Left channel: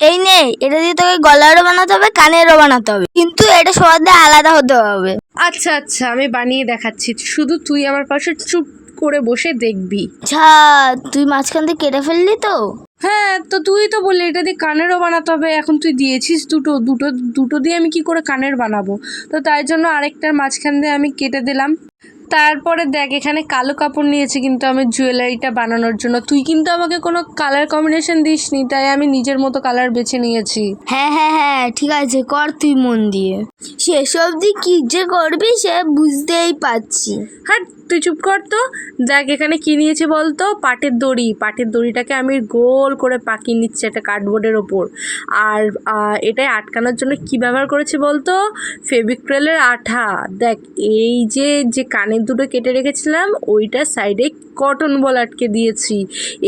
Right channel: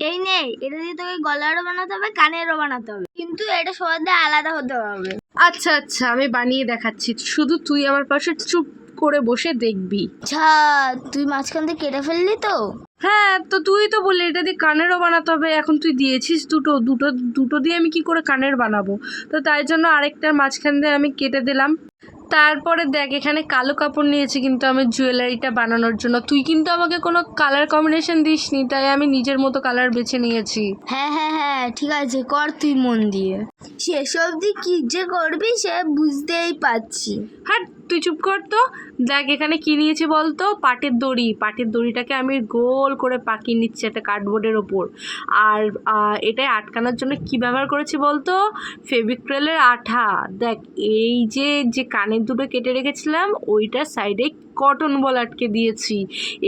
এই নে, এটা দিয়ে তোকে গলারও বানাতে হবে, কানেরও বানাতে হবে, কিন্তু এটা সবার দিয়ে আলাদা হতে হবে। আচ্ছা আচ্ছা, আমি বানিয়ে দেখাচ্ছি, শুধু তুই আমার পাশে চুপ করে বসে দেখবি। আচ্ছা, তুই মাঝখান থেকে কেটে ফেললি তো? হ্যাঁ, তো তুই তো বললি এটা দিয়ে কানেরও বানাতে হবে, এখন তুই দিয়েছিস দুটো দুটো দুটো দিয়ে আমি কি করে কানের বানাবো? তো তাই জন্য আরেকটার মাঝখান দিয়ে আমি কেটে দিলাম। তারপরে দেখ, এখানে কালো কাপড় নিয়েছি কিন্তু আমি জুয়েলারিটা বানানোর জন্য। তুই কিন্তু আমাকে কোনো কালার কম্বিনেশন দিসনি, তাই আমি নিজের মতো কালার বেছে নিয়েছি। হ্যাঁ হ্যাঁ হ্যাঁ, ঠিক আছে, কর তুই মন দিয়ে। শেষ অবধি কি যে করবি সে বুঝতেই পারছি। হ্যাঁ, তুই চুপ কর তো। দেখ এখানে কি নিয়েছি বলতো, পাটের দড়ি। পাটের দড়িটাকে আমি গোল করে পাকিয়ে নিচ্ছি একটা কার্ডবোর্ডের ওপর। আর এটাই আটকানোর জন্য কি ব্যবহার করেছি বলতো, ফেভিক্রিলের আঠা। দেখ এই যে কানের দুটো কেটে রেখেছিলাম ওইটার সাইডে কটন বল আটকে দিয়েছি।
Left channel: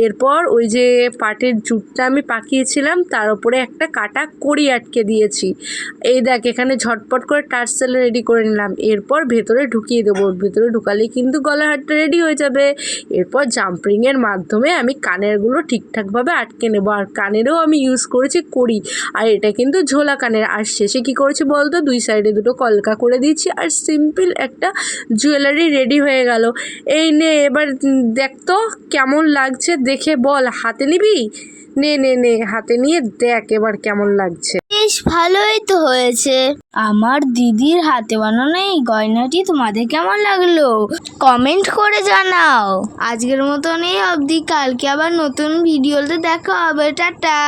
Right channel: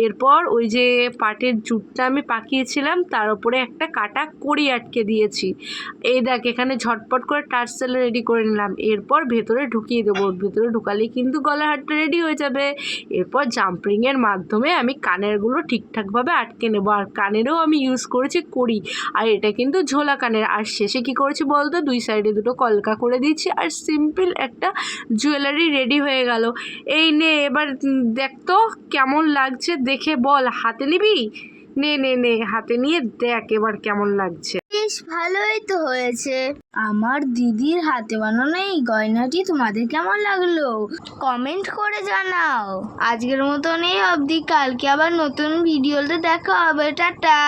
এরপর ওই যে পাটের জুটটা আমি পাকিয়েছিলাম তার উপরে একটা কাটা কড়ি আটকে দিয়েছি। এই দেখ এখানে ঝটপট করে টার্সেল রেডি করে নিলাম। এরপর ভেতরে ঢুকিয়ে দেবো, ভেতরে ঢুকালেই কিন্তু গলার হারটা রেডি হয়ে যাবে। এরপর জাম্পরিংয়ের মাধ্যমে আমি কানেরগুলো ঠিকঠাকভাবে আটকে নেবো। আর কানেরও আমি ইউজ করেছি কড়ি, আর এটা কিন্তু ঝোলা কানের। আর শেষে কি করেছি বলতো, দুই সাইডে দুটো কলকা করে দিয়েছি, আর সিম্পল একটা জুয়েলারি রেডি হয়ে গেল। এই নে, এবার দেখ তো কেমন লাগছে, দেখে বল। হাতে নিবি? নে নে নে, হাতে নিয়ে দেখ এবার কেমন লাগছে। বেশ ভালোই তো হয়েছে। আমার দিদির হাতে বানানো এই গয়নাটি তোমাদের কেমন লাগলো কমেন্ট করে জানাও। আজকের মতন এই অবধি, কালকে আবার নতুন ভিডিওতে দেখা হবে। টাটা।